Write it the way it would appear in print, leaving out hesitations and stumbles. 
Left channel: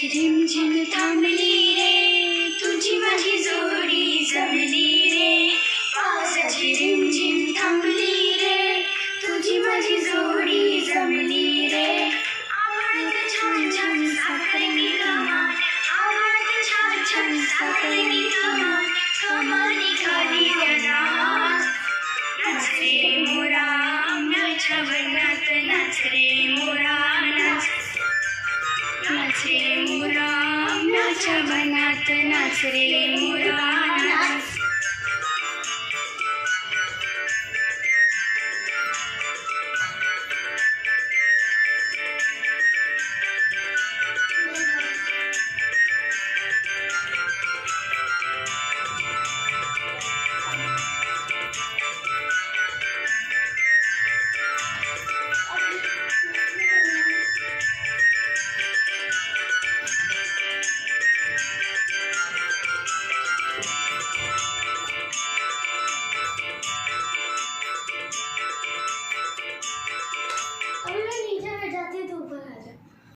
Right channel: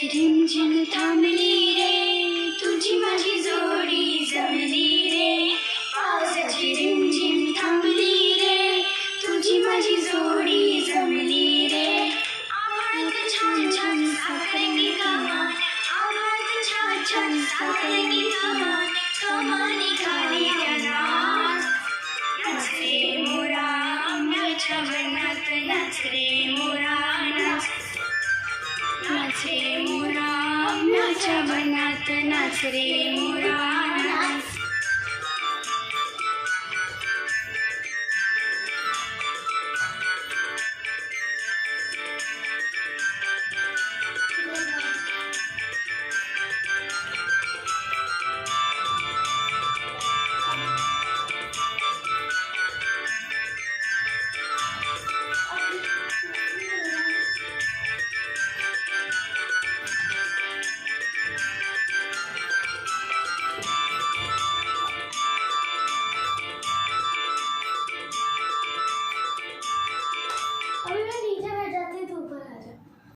पावसाची झिमझिम थांबली रे, तुझी माझी जोडी जमली रे. पावसाची झिमझिम थांबली रे, तुझी माझी जोडी जमली रे. आभाळात छान छान साखरेने कमान, आभाळात छान छान साखरेने कमान, कमानी खाली नाच. नाच रे मोरा आंब्याच्या वनात, नाच रे मोरा नाच. नाच रे मोरा आंब्याच्या वनात, नाच रे मोरा.